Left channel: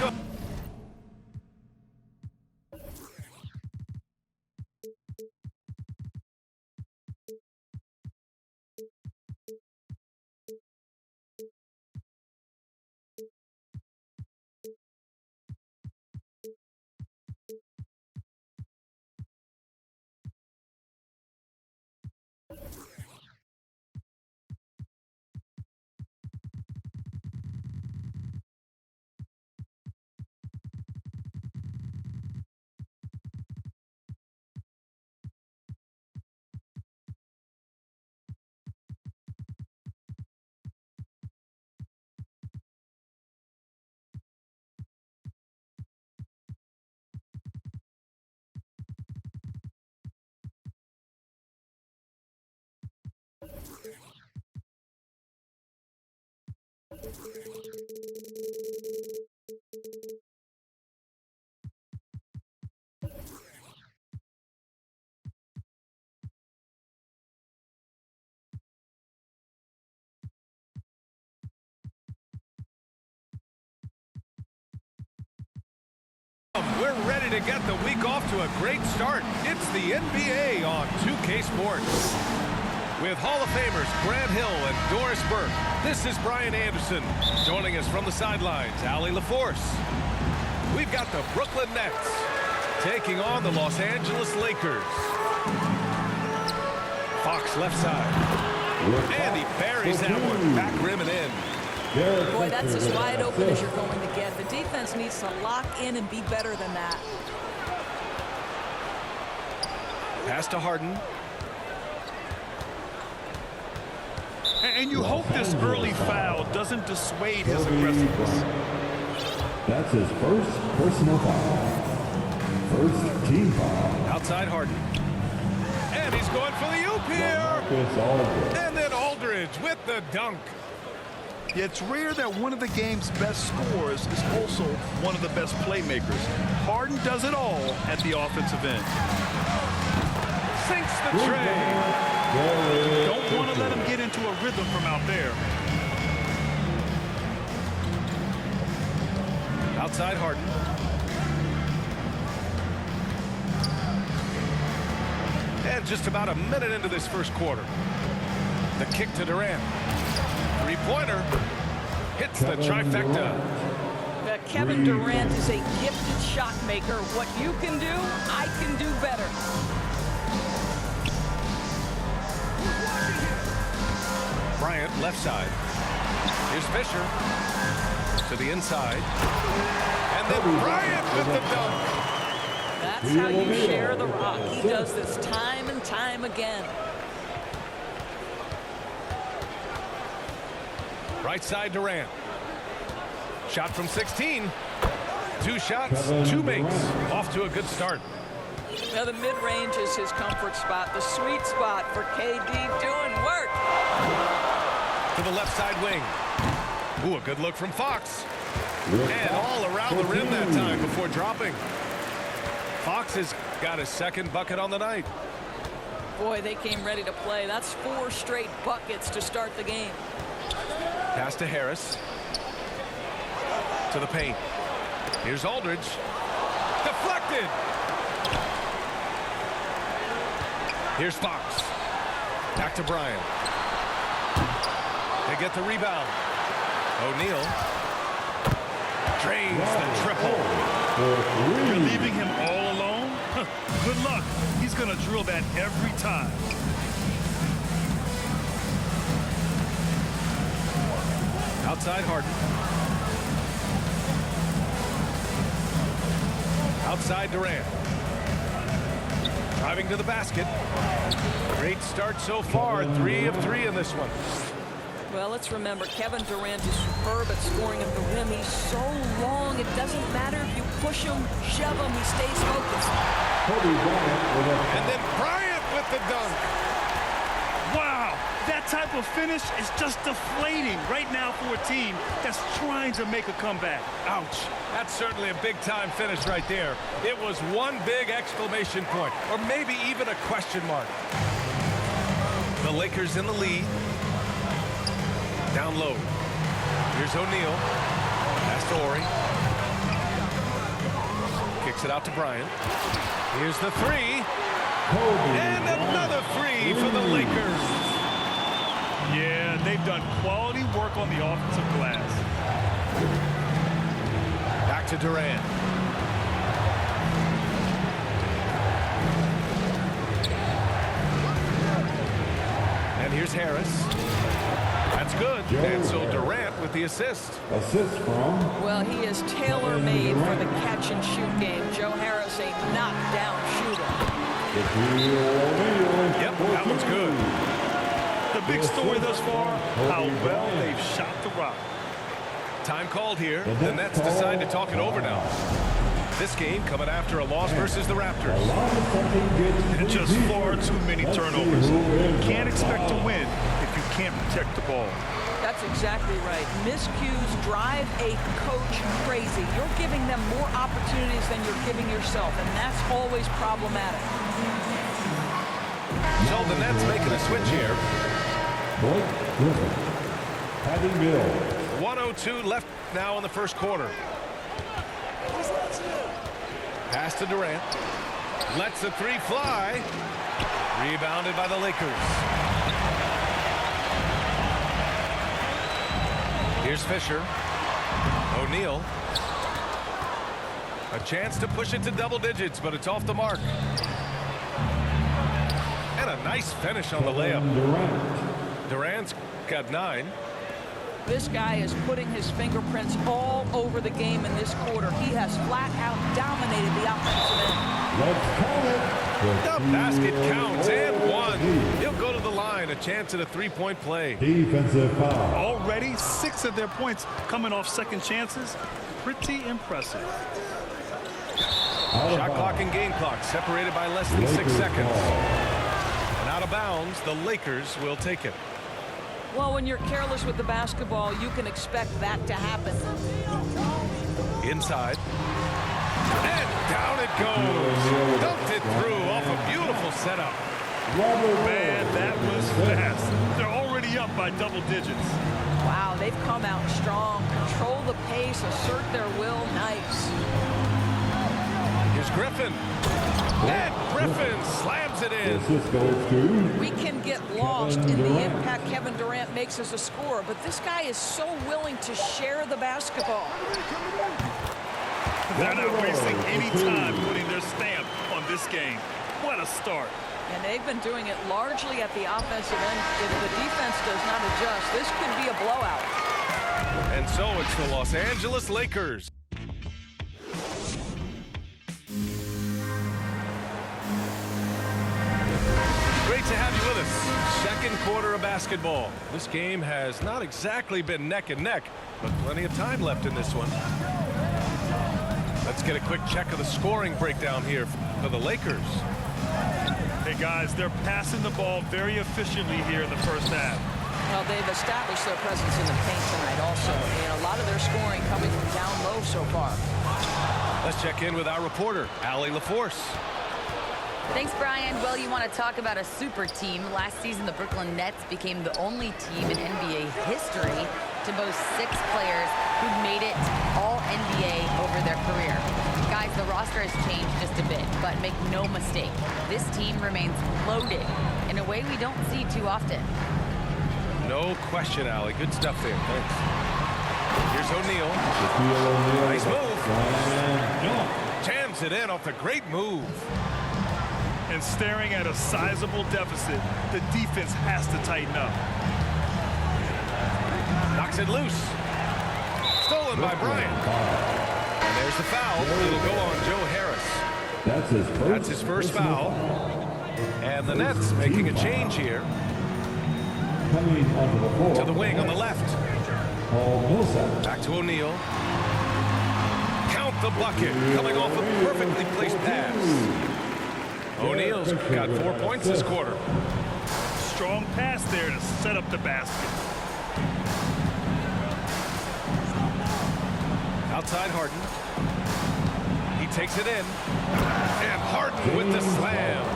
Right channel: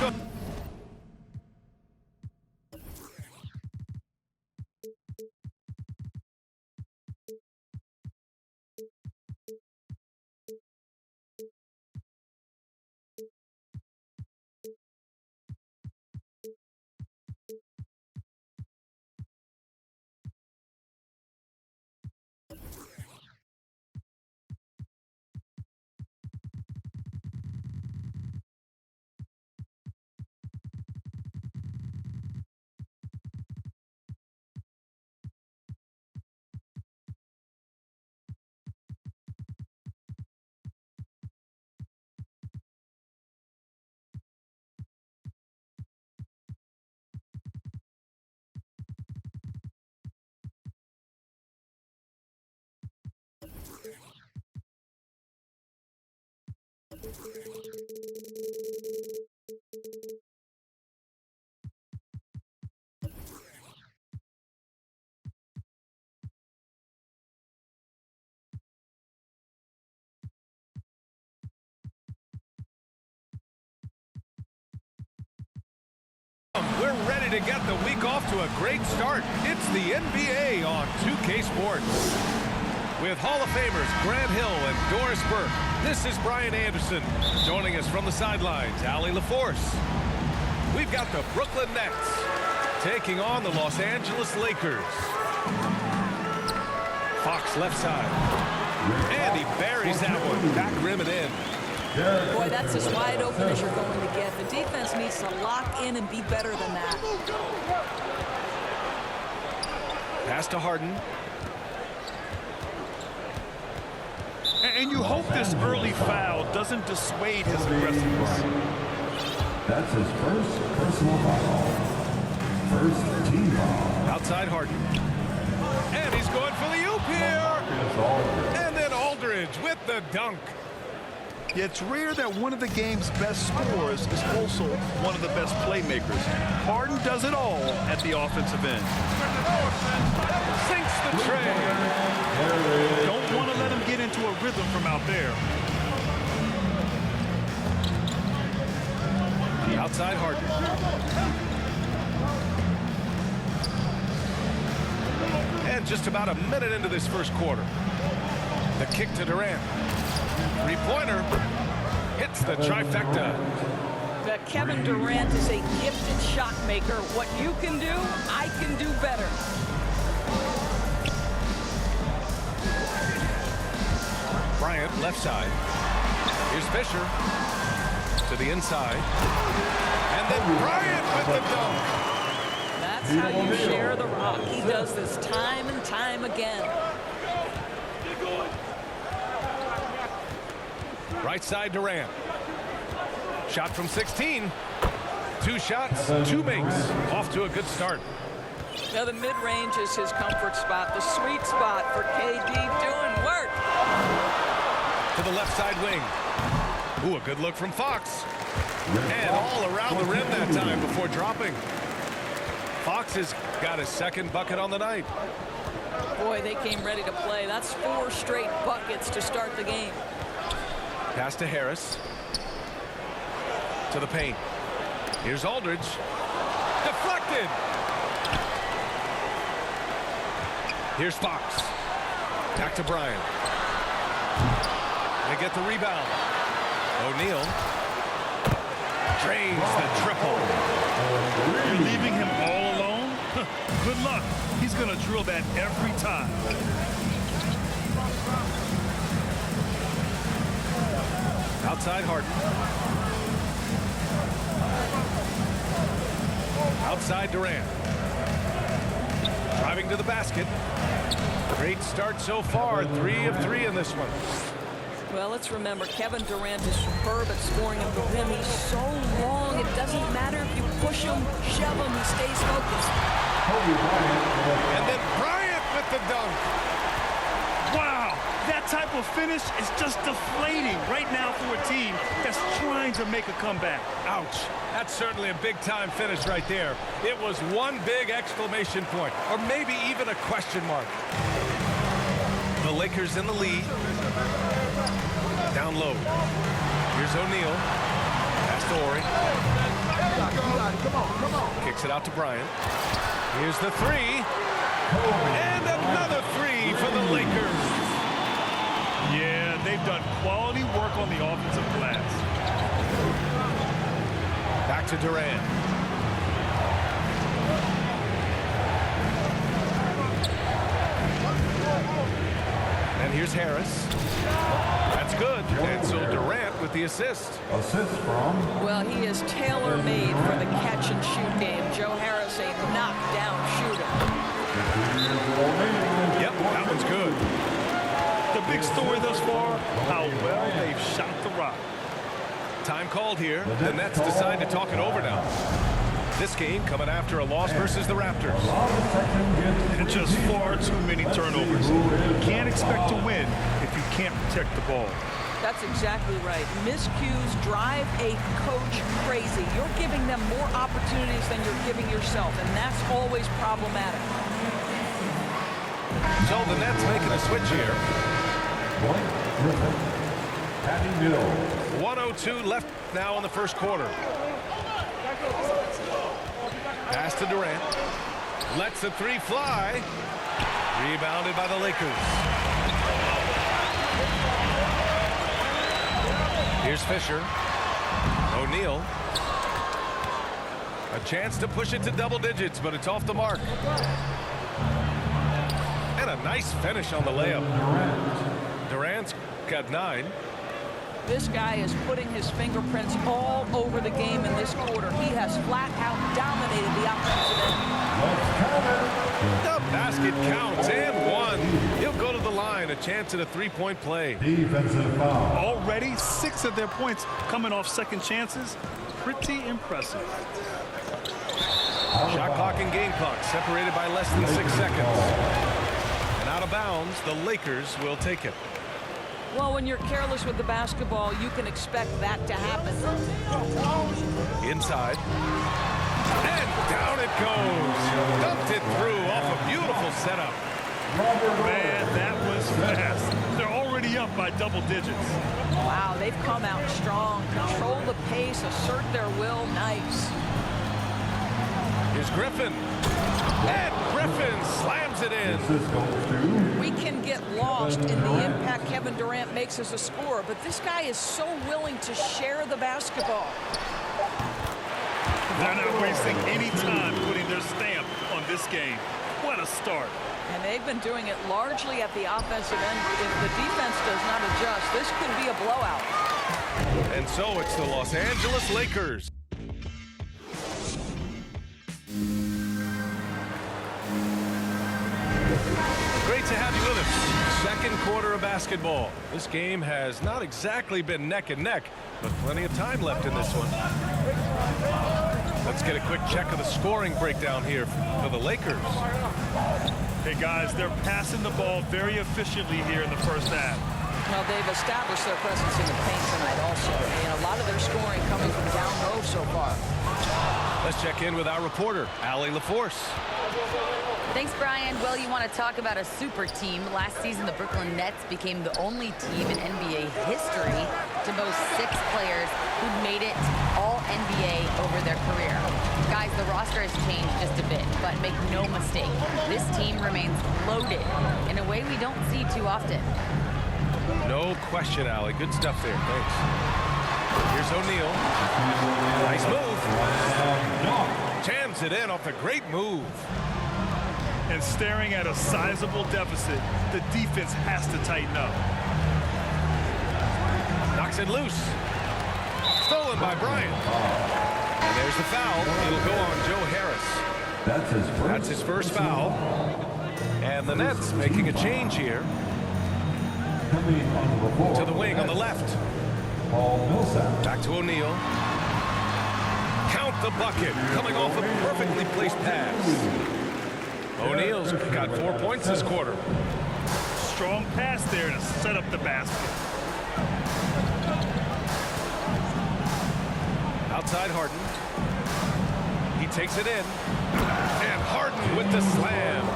welcome. We're ready to get the week off to a great start. It's the NBA on 2K Sports. With Hall of Famers Grant Hill and Doris Burke, this is Brian Anderson. Joining us from the sidelines, Allie LaForce. We've got the Brooklyn Nets taking on the Los Angeles Lakers. Fox left side. And he buries that one. Back rim and in. Boy, that's as wide open as you're going to get. The defense needs to lock in and be better than that. Pass to Harden. And you hope this early foul doesn't dissuade his aggressiveness. That's his first personal foul. First team foul. Outside Harden. And he's going for the oop here. And then Aldridge with the dunk. It's rare that one of the game's best scorers is also one of the best playmakers. Harden does it all at the offensive end. Sinks the tray. Don't want to let him get into a rhythm from out there. Outside Harden. And just about a minute into this first quarter. The kick to Durant. Three-pointer hits the trifecta. Kevin Durant is a gifted shot maker. What you can do, I can do better. Bryant left side. Here's Fisher to the inside. And then Bryant with the dunk. That's how you share the rock. He does this time and time again. Right side Durant. Shot from 16. Two shots, two makes. Off to a good start. Now the mid-range is his comfort spot, the sweet spot for KD doing work. To the left side wing. Ooh, a good look from Fox. And all around the rim that time before dropping. Fox has got his second bucket on the night. Boy, they came ready to play. That's 4 straight buckets to start the game. Pass to Harris. To the paint. Here's Aldridge. Deflected. Here's Fox. Back to Bryant. They get the rebound. O'Neal drains the triple. You're leaving him all alone? Good luck. He's going to drill that every time. Outside Harden. Outside Durant. Driving to the basket. Great start so far. 3 of 3 in this one. Well, let's remember, Kevin Durant is superb at scoring at the rim. He's so long, it doesn't matter if you push him, shove him, he stays focused. And then Bryant with the dunk. Wow, that type of finish is just deflating right now for a team that's trying to make a comeback. Ouch. That's certainly a big-time finish right there. It was one big exclamation point, or maybe even a question mark. The Lakers in the lead. Down low. Here's O'Neal. Pass to Ori. Kicks it out to Bryant. Here's the three. And another three for the Lakers. Yeah, they've done quality work on the offensive glass. Back to Durant. And here's Harris. That's good. And so Durant with the assist. Assist from. Well, he is tailor-made for the catch-and-shoot game. Joe Harris, a knockdown shooter. Yep, that one's good. The big story thus far, how well they've shot the rock. Time called here. The Nets decide to talk it over now. This game coming after a loss versus the Raptors. And just far too many turnovers. You can't expect to win if you can't protect the ball. That's exactly right. Miscues drive a coach crazy. You're giving them more opportunities than you're giving yourself, and that's always problematic. So the Nets making a switch here. Blake Griffin. Patty Mills. 1:02 left now in the first quarter. Pass to Durant. Lets the three fly. Rebounded by the Lakers. Here's Fisher. O'Neal. A chance to push it to double digits, but it's off the mark. And a nice finish on the layup. Durant's got 9. This guy is putting his fingerprints all over the game in this quarter. He has flat out dominated the offensive end. The basket counts and one. He'll go to the line. A chance at a three-point play. Defensive foul. Already 6 of their points coming off second chances. Pretty impressive. Shot clock and game clock separated by less than 6 seconds. And out of bounds, the Lakers will take it. Well, when you're careless with the basketball, you can expect that to happen. Inside. And down it goes. Dumped it through off a beautiful setup. Man, that was fast. They're already up by double digits. Wow, they've come out strong. Control the pace, assert their will. Nice. Here's Griffin. And Griffin slams it in. We can get lost in the impact Kevin Durant makes as a scorer, but this guy is so willing to share the basketball. They're not wasting any time putting their stamp on this game. What a start. And they've been doing it largely at the offensive end. If the defense does not adjust, this could be a blowout. And so it's the Los Angeles Lakers. Great to have you with us. Second quarter of basketball. This game has not exactly been neck and neck, but plenty of time left in this one. Let's get a quick check of the scoring breakdown here for the Lakers. Hey guys, they're passing the ball very efficiently here in the first half. Well, they've established their presence in the paint tonight also, and a lot of their scoring coming from down low so far. Let's check in with our reporter, Allie LaForce. Thanks, Brian. Well, you want to talk about a super team. Last season, the Brooklyn Nets became the only team in NBA history to boast 6 players who'd made it all NBA over their career. Guys, the roster has changed just a bit, but make no mistake, this team remains loaded in a way we don't see too often. No question, Allie. Good stuff there. Thanks. Here's O'Neal. Nice move. Jams it in off a great move. And staring at a sizable deficit, the defense has to tighten up. Knocks it loose. Stolen by Bryant. And there's the foul. It'll go on Joe Harris. That's his first foul. And the Nets making a change here. To the wing on the left. Back to O'Neal. Count the bucket. Coming off a perfectly placed pass. O'Neal's got 4 points this quarter. Strong pass there to set up the basket. Outside Harden. He takes it in. And Harden with the slam.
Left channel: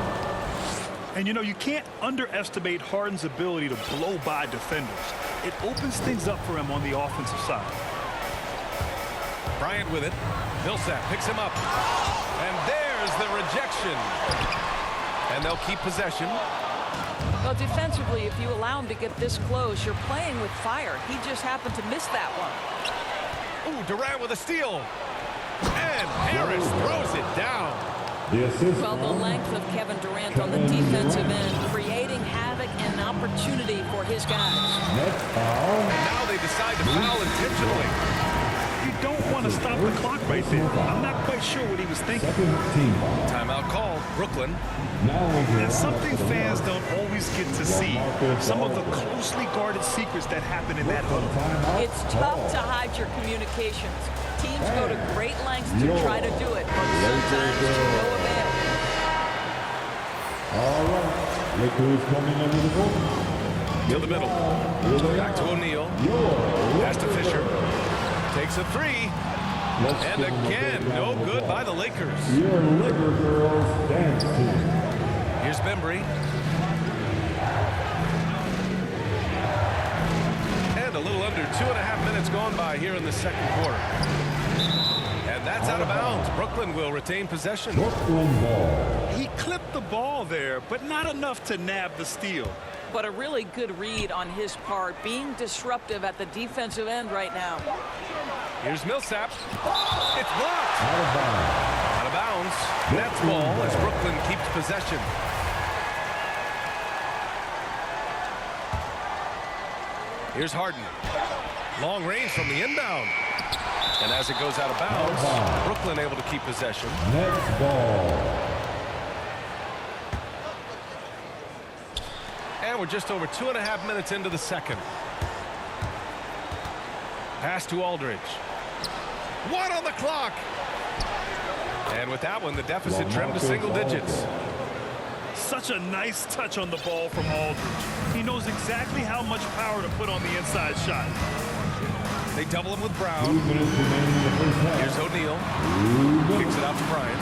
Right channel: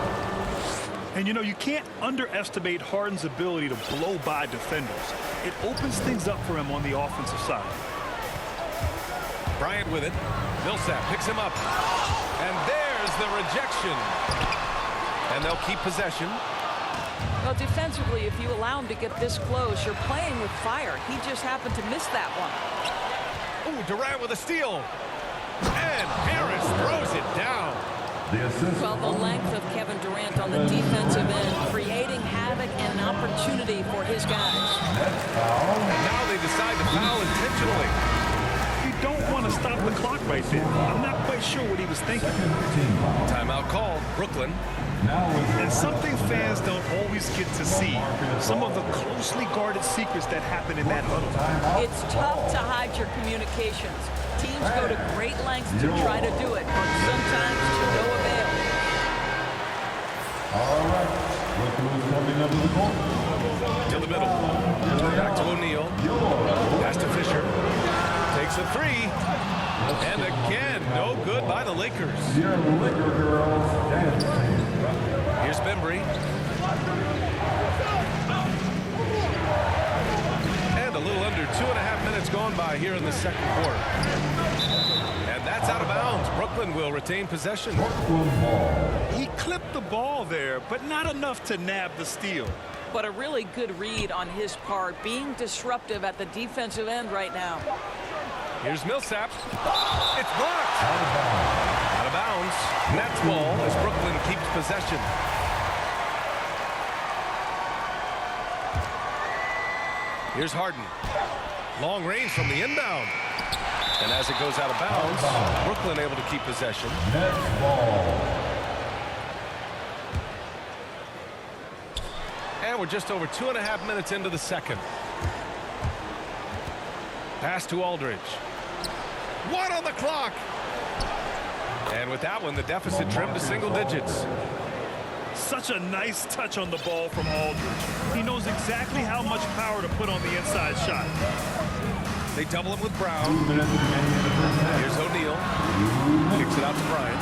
And you know, you can't underestimate Harden's ability to blow by defenders. It opens things up for him on the offensive side. Bryant with it. Millsap picks him up. And there's the rejection. And they'll keep possession. Well, defensively, if you allow him to get this close, you're playing with fire. He just happened to miss that one. Ooh, Durant with a steal. And Harris throws it down. The assist. Well, the length of Kevin Durant on the defensive end, creating havoc and opportunity for his guys. Net foul. And now they decide to foul intentionally. You don't want to stop the clock right there. I'm not quite sure what he was thinking. Second team foul. Timeout called. Brooklyn. Now And something fans don't always get to see. Some of the closely guarded secrets that happen in that huddle. It's tough to hide your communications. Teams go to great lengths to try to do it, but sometimes to no avail. All right. Look who's coming under the court. To the middle. Back to O'Neal. Pass to Fisher. Takes a three. And again, no good by the Lakers. Your Laker girls dance team. Here's Bembry. And a little under 2.5 minutes gone by here in the second quarter. And that's out of bounds. Brooklyn will retain possession. Brooklyn ball. He clipped the ball there, but not enough to nab the steal. But a really good read on his part, being disruptive at the defensive end right now. Here's Millsap. It's blocked. Out of bounds. Out of bounds. Nets ball as Brooklyn keeps possession. Here's Harden. Long range from the inbound. And as it goes out of bounds, Brooklyn able to keep possession. Nets ball. And we're just over 2.5 minutes into the second. Pass to Aldridge. 1 on the clock. And with that one, the deficit trimmed to single digits. Such a nice touch on the ball from Aldridge. He knows exactly how much power to put on the inside shot. They double him with 2 Brown. minutes remaining in the first half. Here's O'Neal. 2 minutes. Kicks it out to Bryant.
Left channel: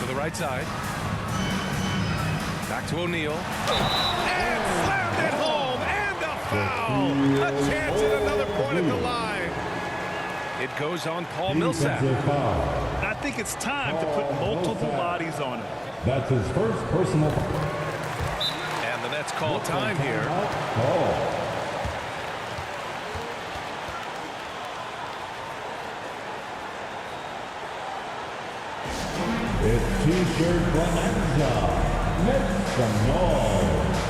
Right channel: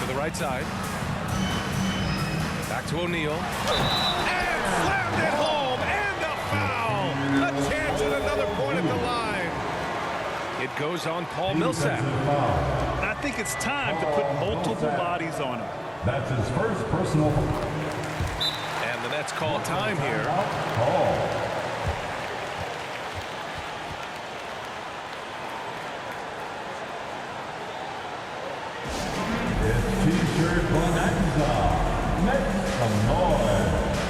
To the right side. Back to O'Neal. And slammed it home. And a foul. A chance at another point at the line. It goes on Paul Millsap. Defensive foul. And I think it's time to put multiple bodies on him. That's his first personal. And the Nets call time here. Call. It's T-shirt bonanza. Make some noise.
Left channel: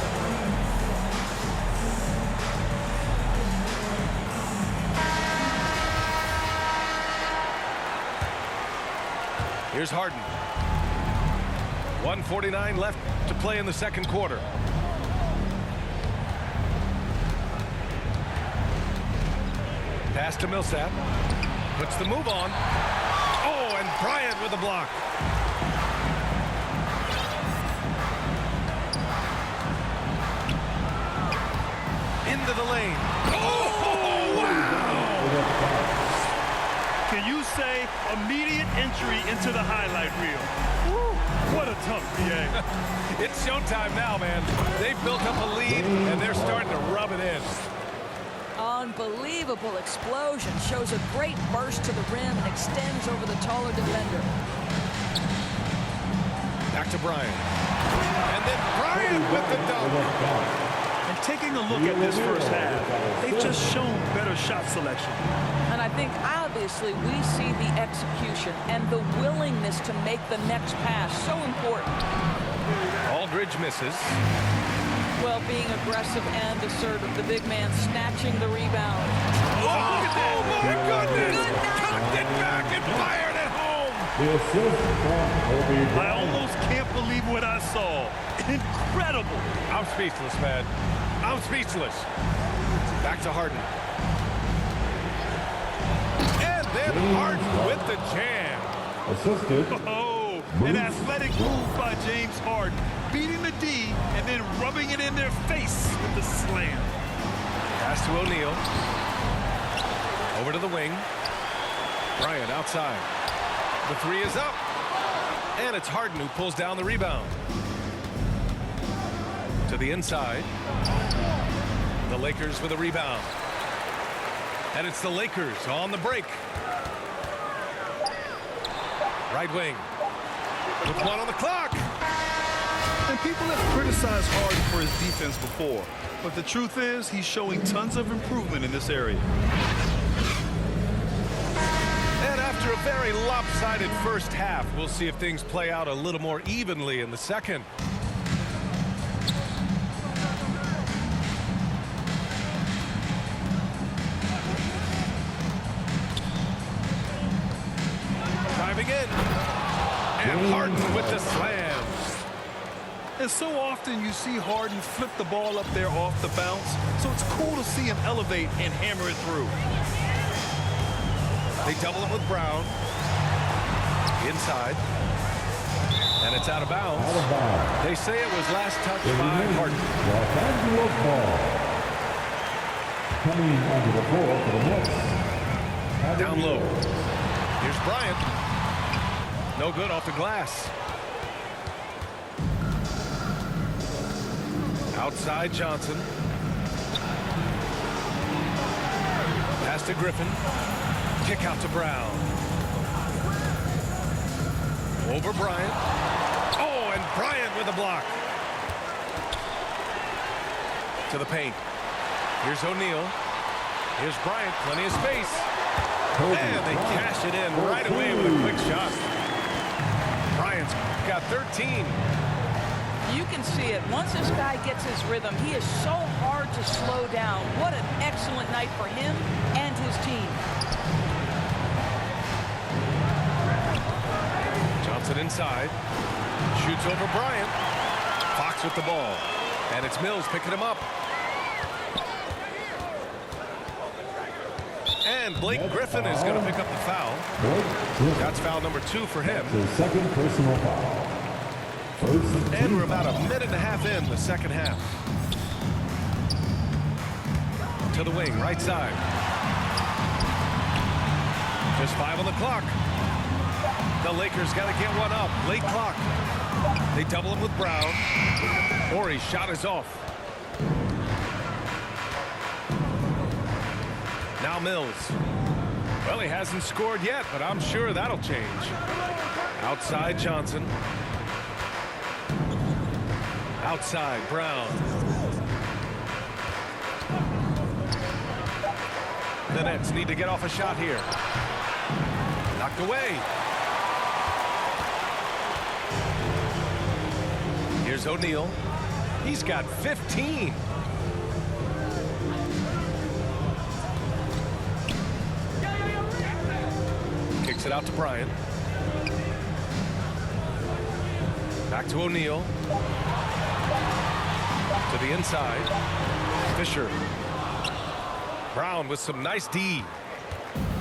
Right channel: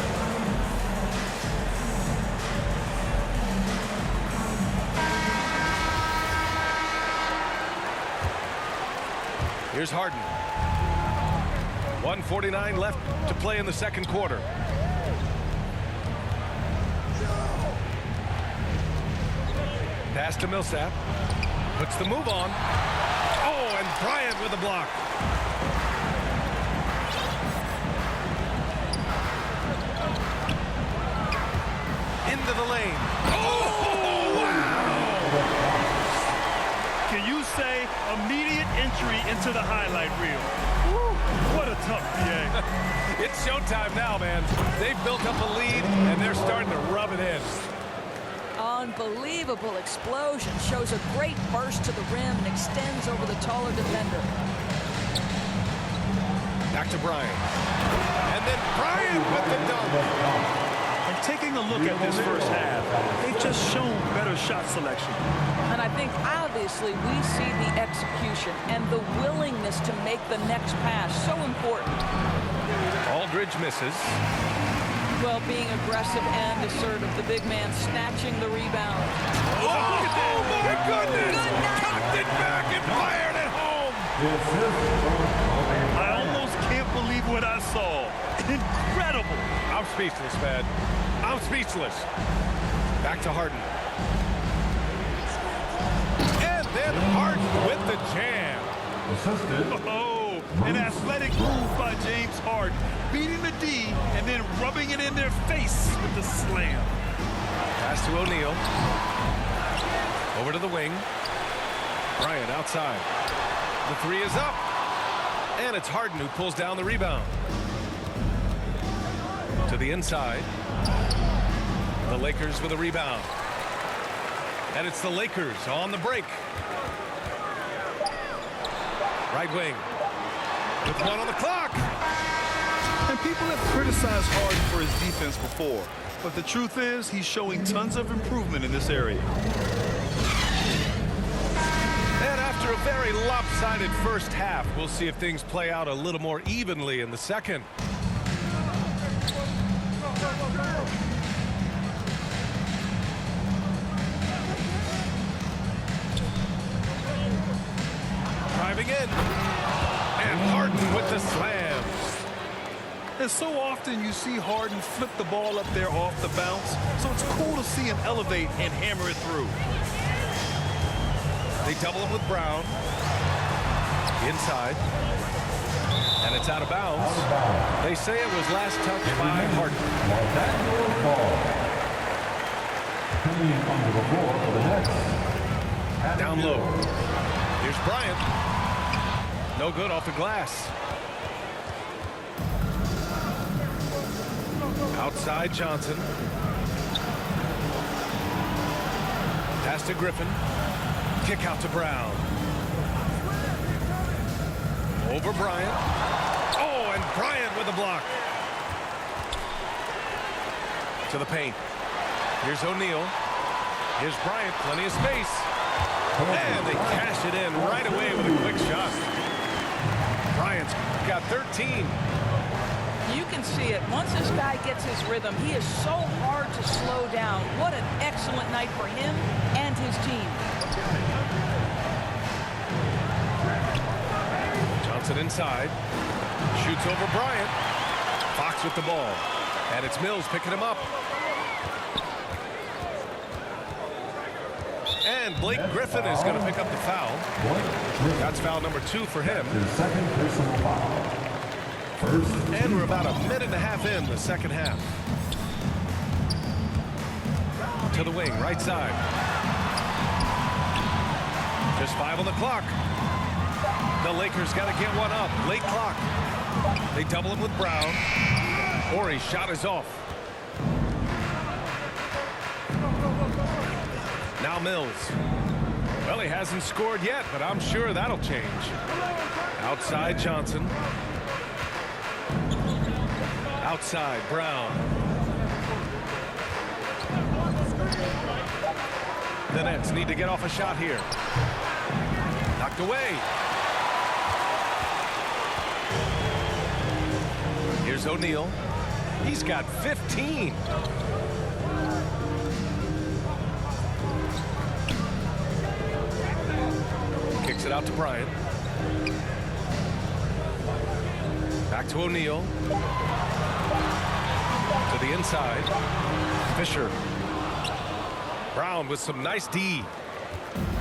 Here's Harden. 1:49 left to play in the second quarter. Pass to Millsap. Puts the move on. Oh, and Bryant with a block. Into the lane. Oh, wow! Can you say immediate entry into the highlight reel? Woo, what a tough BA. It's showtime now, man. They've built up a lead, and they're starting to rub it in. Unbelievable explosion. Shows a great burst to the rim and extends over the taller defender. Back to Bryant. And then Bryant with the dunk. And taking a look at this first half, they've just shown better shot selection. And I think obviously we see the execution and the willingness to make the next pass so important. Aldridge misses. Well, being aggressive and assertive, the big man snatching the rebound. Oh, my goodness! Good night. Cocked it back and fired it home. The assist from Kobe I Bryant. almost can't believe what I saw. Incredible. I'm speechless, man. I'm speechless. Back to Harden. And then Harden with the jam. Assisted. Oh, an athletic move by James Harden, beating the D and then rubbing it in their face with the slam. Pass to O'Neal. Over to the wing. Bryant outside. The three is up. And it's Harden who pulls down the rebound. To the inside. The Lakers with a rebound. And it's the Lakers on the break. Right wing. With 1 on the clock. And people have criticized Harden for his defense before, but the truth is he's showing tons of improvement in this area. And after a very lopsided first half, we'll see if things play out a little more evenly in the second. Driving in. And Harden with the slam. And so often you see Harden flip the ball up there off the bounce, so it's cool to see him elevate and hammer it through. They double him with Brown. Inside. And it's out of bounds. Out of bounds. They say it was last touched by Harden. Los Angeles ball. Coming onto the floor for the Nets. Down low. Here's Bryant. No good off the glass. Outside Johnson. Pass to Griffin. Kick out to Brown. Over Bryant. Oh, and Bryant with a block. To the paint. Here's O'Neal. Here's Bryant. Plenty of space. And they cash it in right away with a quick shot. Bryant's got 13. You can see it. Once this guy gets his rhythm, he is so hard to slow down. What an excellent night for him and his team. Johnson inside. Shoots over Bryant. Fox with the ball. And it's Mills picking him up. And Blake Griffin is going to pick up the foul. That's foul number 2 for him. His second personal foul. First. And we're about a minute and a half in the second half. To the wing, right side. Just 5 on the clock. The Lakers got to get one up. Late clock. They double him with Brown. Horry's shot is off. Now Mills. Well, he hasn't scored yet, but I'm sure that'll change. Outside Johnson. Outside Brown. The Nets need to get off a shot here. Knocked away. Here's O'Neal. He's got 15. Kicks it out to Bryant. Back to O'Neal. To the inside. Fisher. Brown with some nice D.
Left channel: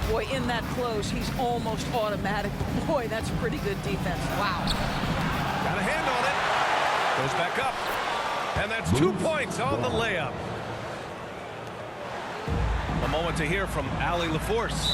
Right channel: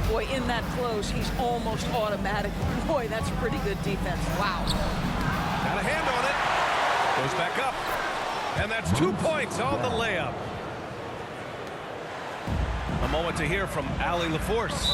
Boy, in that close, he's almost automatic. Boy, that's pretty good defense. Wow. Got a hand on it. Goes back up. And that's 2 points on the layup. A moment to hear from Allie LaForce.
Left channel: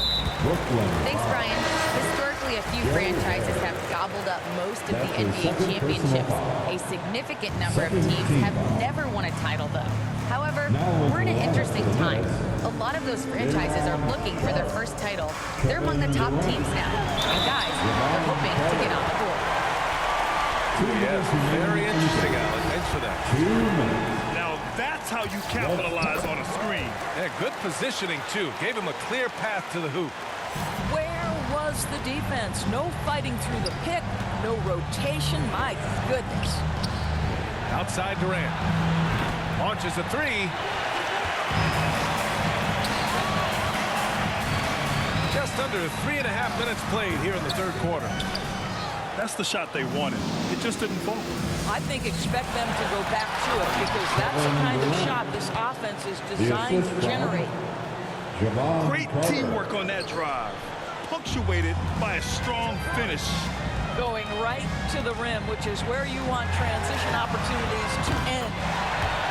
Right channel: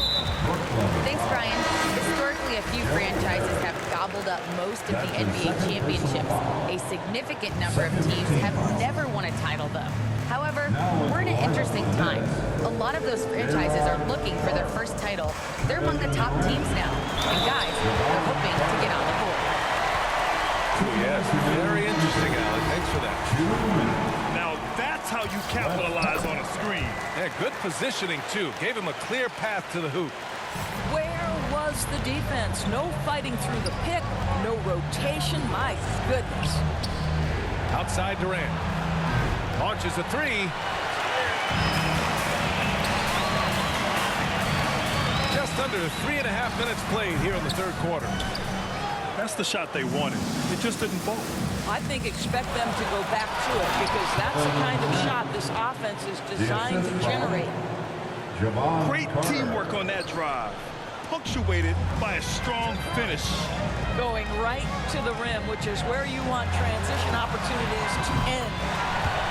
Thanks, Brian. Historically, a few franchises have gobbled up most of the NBA championships. A significant number of teams have never won a title, though. However, we're in an interesting time. A lot of those franchises are looking for their first title. They're among the top teams now. And guys, they're hoping to get on the board. Yes, very interesting, Allie. Thanks for that. 2 minutes. Now that's how you capitalize on a screen. Yeah, good positioning, too. Gave him a clear path to the hoop. Where was the defense? No fighting through the pick, no rotation. My goodness. Outside Durant. Launches a 3. Just under 3.5 minutes played here in the third quarter. That's the shot they wanted. It just didn't fall. I think expect them to go back to it because that's the kind of shot this offense is designed to generate. Great teamwork on that drive, punctuated by a strong finish. Going right to the rim, which is where you want transition opportunities to end.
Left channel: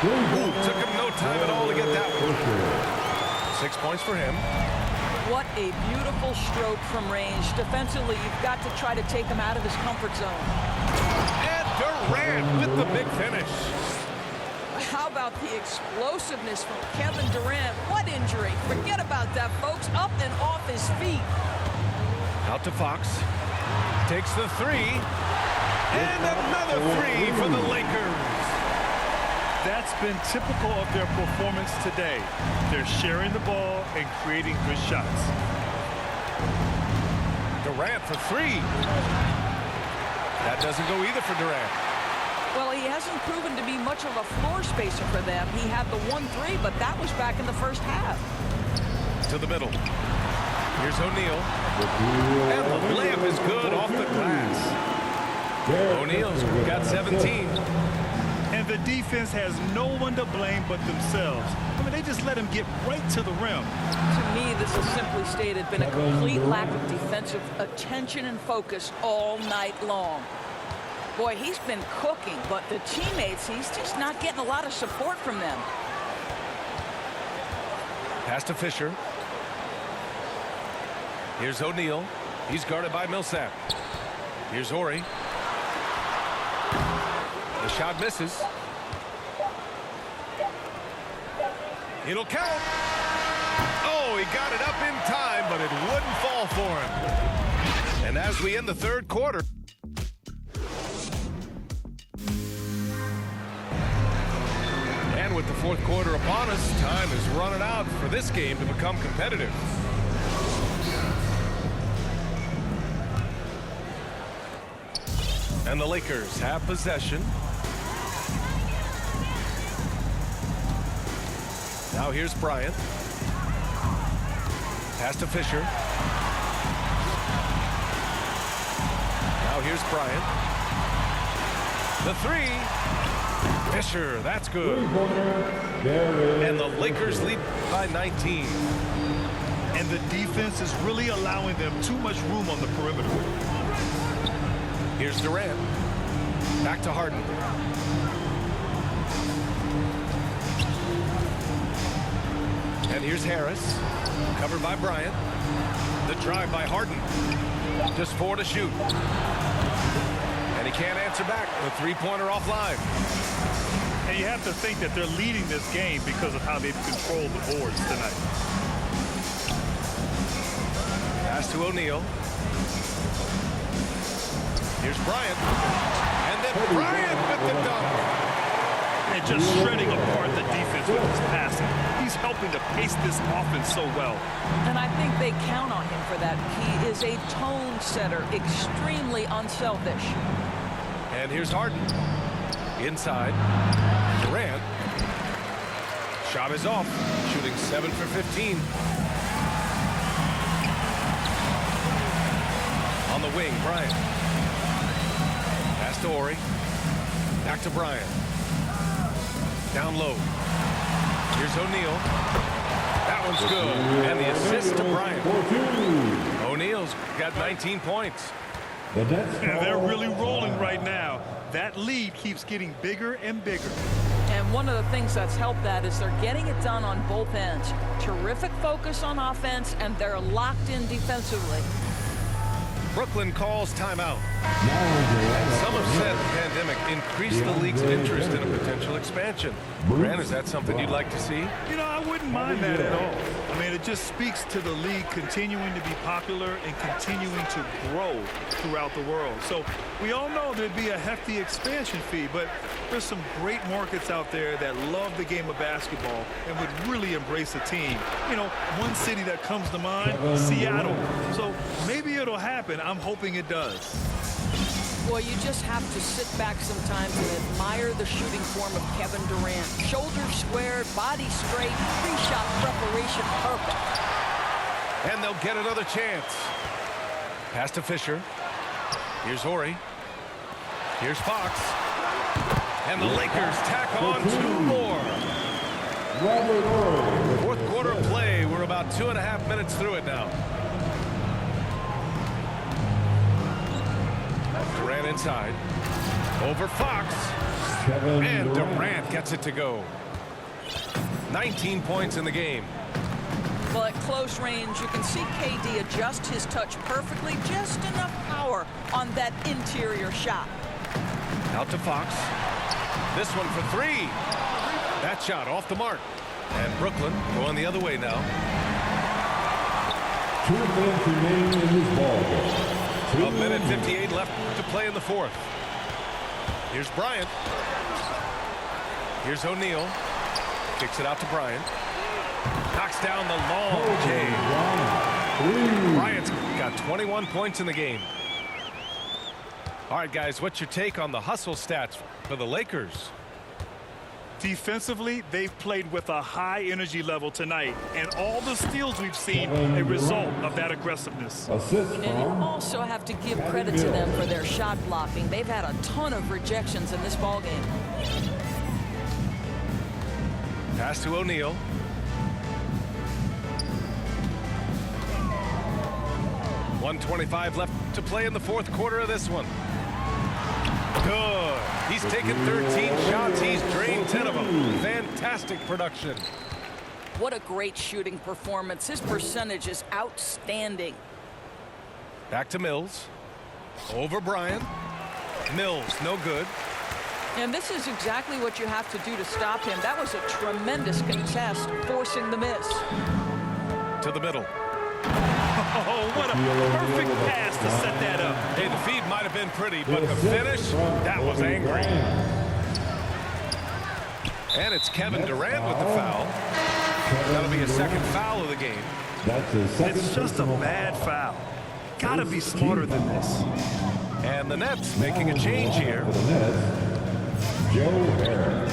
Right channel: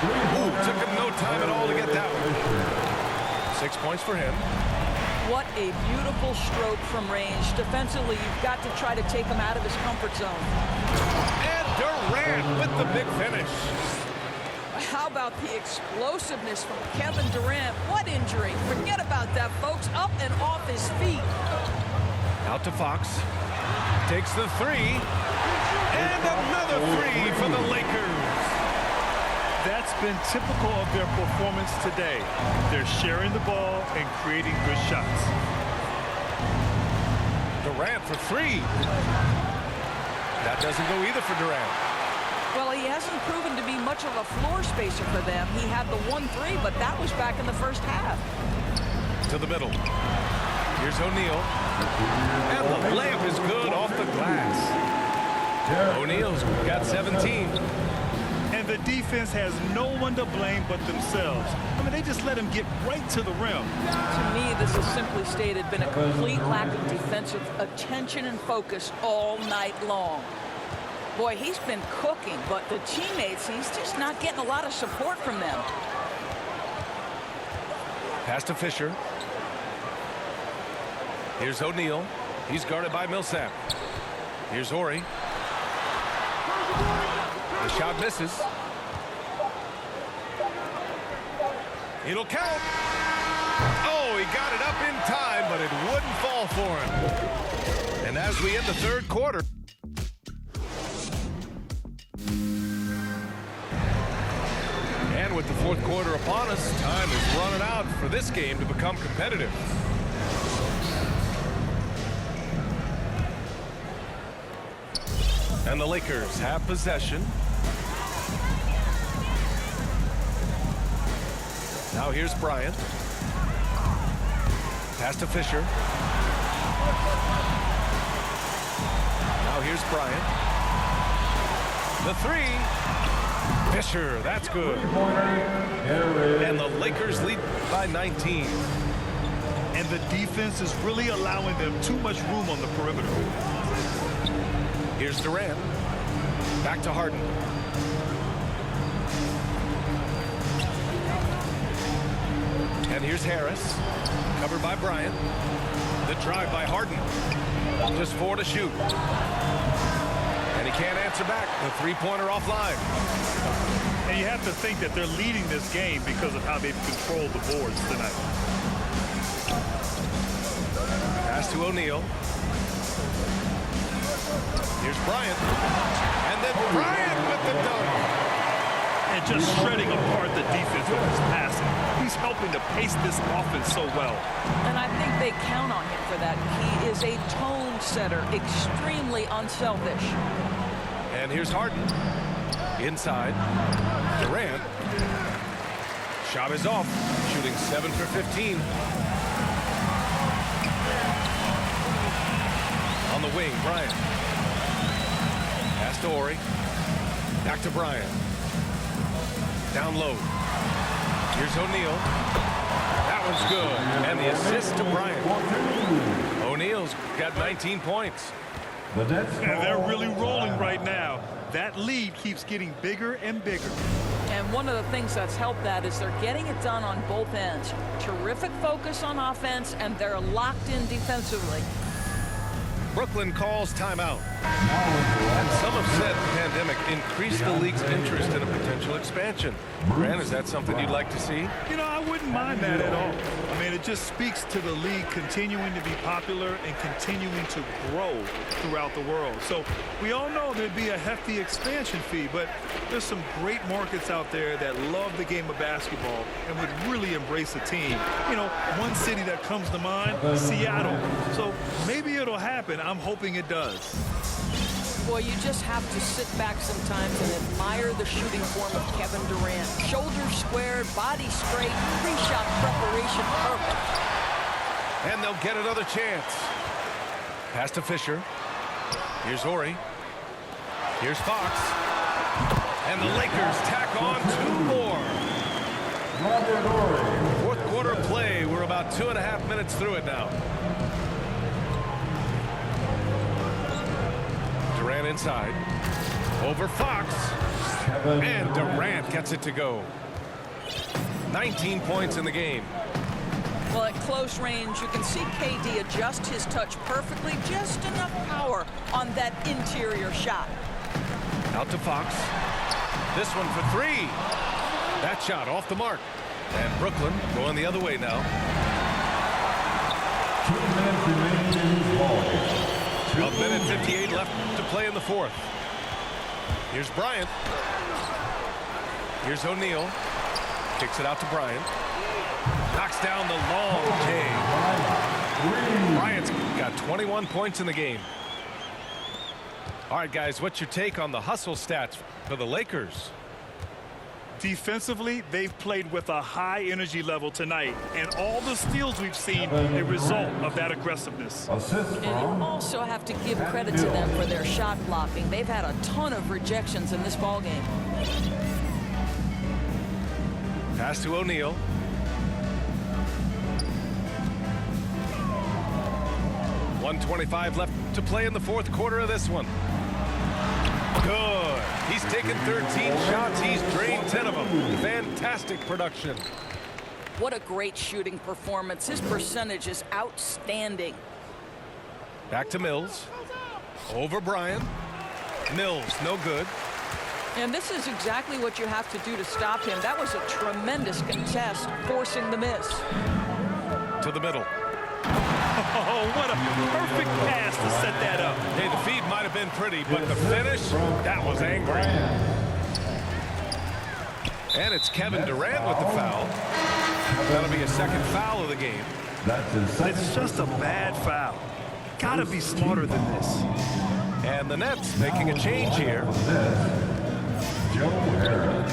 Ooh, took him no time at all to get that one. 6 points for him. What a beautiful stroke from range. Defensively, you've got to try to take him out of his comfort zone. And Durant with the big finish. How about the explosiveness from Kevin Durant? What injury? Forget about that, folks. Up and off his feet. Out to Fox. Takes the three. And another three for the Lakers. That's been typical of their performance today. They're sharing the ball and creating good shots. Durant for three. That doesn't go either for Durant. Well, he hasn't proven to be much of a floor spacer for them. He had the 1-3, but that was back in the first half. To the middle. Here's O'Neal. And the layup is good off the glass. O'Neal's got 17. And the defense has no one to blame but themselves. I mean, they just let him get right to the rim. To me, this has simply stated been a complete lack of defensive attention and focus all night long. Boy, he's been cooking, but the teammates, he's just not getting a lot of support from them. Pass to Fisher. Here's O'Neal. He's guarded by Millsap. Here's Horry. The shot misses. It'll count. Oh, he got it up in time, but it wouldn't fall for him. And as we end the third quarter. And with the fourth quarter upon us, time is running out for this game to become competitive. And the Lakers have possession. Now here's Bryant. Pass to Fisher. Now here's Bryant. The three. Fisher, that's good. And the Lakers lead by 19. And the defense is really allowing them too much room on the perimeter. Here's Durant. Back to Harden. And here's Harris. Covered by Bryant. The drive by Harden. Just 4 to shoot. And he can't answer back. The three-pointer offline. And you have to think that they're leading this game because of how they've controlled the boards tonight. Pass to O'Neal. Here's Bryant. And then Bryant with the dunk. And just shredding apart the defense with his passing. He's helping to pace this offense so well. And I think they count on him for that. He is a tone setter, extremely unselfish. And here's Harden. Inside. Durant. Shot is off. Shooting 7 for 15. On the wing, Bryant. Pass to Horry. Back to Bryant. Down low. Here's O'Neal. That one's good. And the assist to Bryant. O'Neal's got 19 points. And they're really rolling right now. That lead keeps getting bigger and bigger. And one of the things that's helped that is they're getting it done on both ends. Terrific focus on offense, and they're locked in defensively. Brooklyn calls timeout. And some have said the pandemic increased the league's interest in a potential expansion. Grant, is that something you'd like to see? You know, I wouldn't mind that at all. I mean, it just speaks to the league continuing to be popular and continuing to grow throughout the world. So we all know there'd be a hefty expansion fee, but there's some great markets out there that love the game of basketball and would really embrace a team. You know, one city that comes to mind, Seattle. So maybe it'll happen. I'm hoping it does. Boy, you just have to sit back sometimes and admire the shooting form of Kevin Durant. Shoulders squared, body straight, pre-shot preparation perfect. And they'll get another chance. Pass to Fisher. Here's Horry. Here's Fox. And the Lakers tack on 2 more. Fourth quarter play. We're about 2.5 minutes through it now. Durant inside. Over Fox. And Durant gets it to go. 19 points in the game. Well, at close range, you can see KD adjust his touch perfectly. Just enough power on that interior shot. Out to Fox. This one for 3. That shot off the mark. And Brooklyn going the other way now. 2 minutes remain in this ball game. A minute 58 left to play in the fourth. Here's Bryant. Here's O'Neal. Kicks it out to Bryant. Knocks down the long J. Bryant's got 21 points in the game. All right, guys, what's your take on the hustle stats for the Lakers? Defensively, they've played with a high energy level tonight, and all the steals we've seen a result of that aggressiveness. And you also have to give credit to them for their shot blocking. They've had a ton of rejections in this ballgame. Pass to O'Neal. .125 left to play in the fourth quarter of this one. Good. He's taken 13 shots. He's drained 10 of them. Fantastic production. What a great shooting performance. His percentage is outstanding. Back to Mills. Over Bryant. Mills, no good. And this is exactly what you have to do to stop him. That was a tremendous contest, forcing the miss. To the middle. Oh, what a perfect pass to set that up. Hey, the feed might have been pretty, but the finish, that was angry. And it's Kevin Durant with the foul. That'll be a second foul of the game. It's just a bad foul. Gotta be smarter than this. And the Nets making a change here. Joe Harris.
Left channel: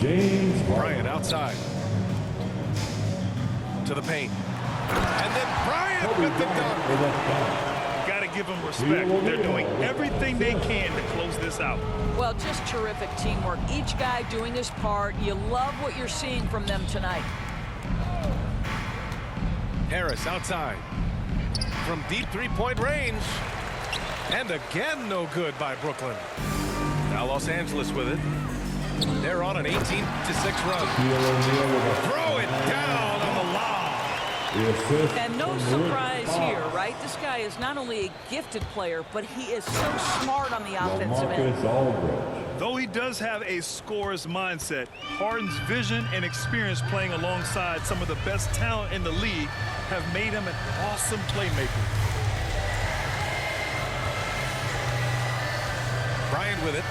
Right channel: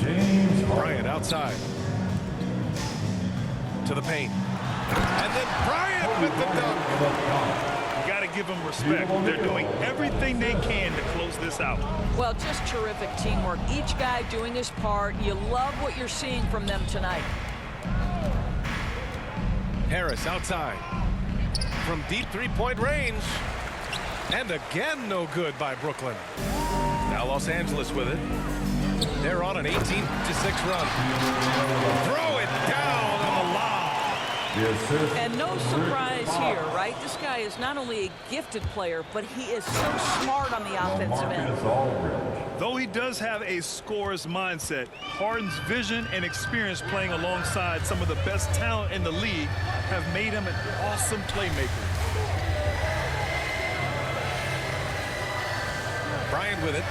James Bryant outside. To the paint. And then Bryant with the dunk. You got to give them respect. They're doing everything they can to close this out. Well, just terrific teamwork. Each guy doing his part. You love what you're seeing from them tonight. Harris outside. From deep three-point range. And again, no good by Brooklyn. Now Los Angeles with it. They're on an 18-6 run. Throw it down on the lob. And no surprise here, right? This guy is not only a gifted player, but he is so smart on the offensive end. Though he does have a scorer's mindset, Harden's vision and experience playing alongside some of the best talent in the league have made him an awesome playmaker. Bryant with it.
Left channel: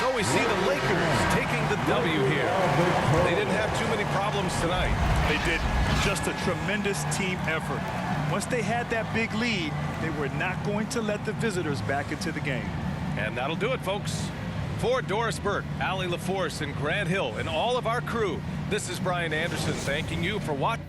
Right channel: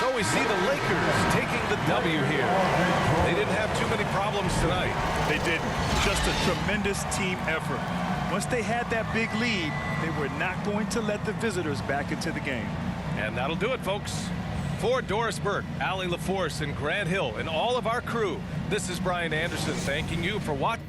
So we see the Lakers taking the W here. They didn't have too many problems tonight. They didn't. Just a tremendous team effort. Once they had that big lead, they were not going to let the visitors back into the game. And that'll do it, folks. For Doris Burke, Allie LaForce, and Grant Hill, and all of our crew, this is Brian Anderson thanking you for watching.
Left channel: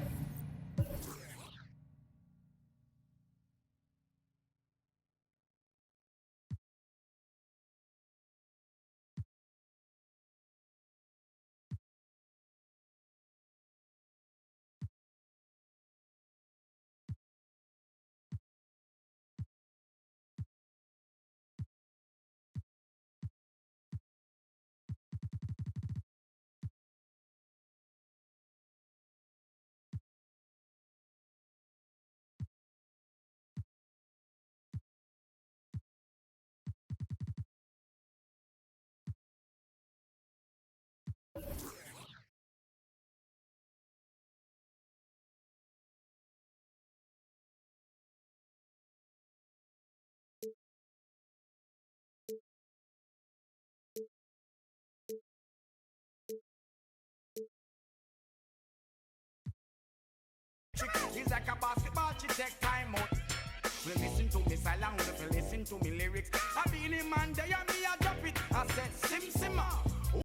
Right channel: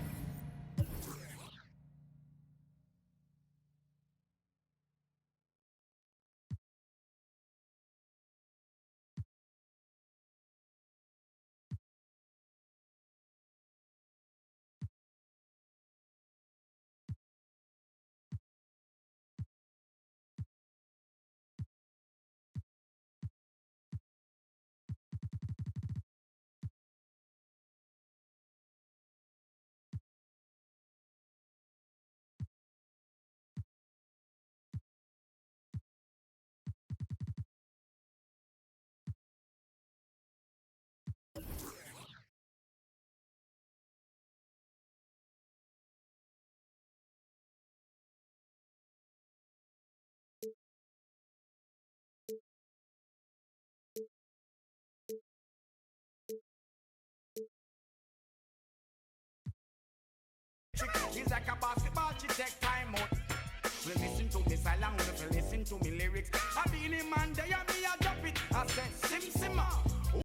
It's like a basketball, she take time out. Well, listen to me, silent, listen to me lyrics. I be in man, they and me, I drop it. I said, sim, simmer.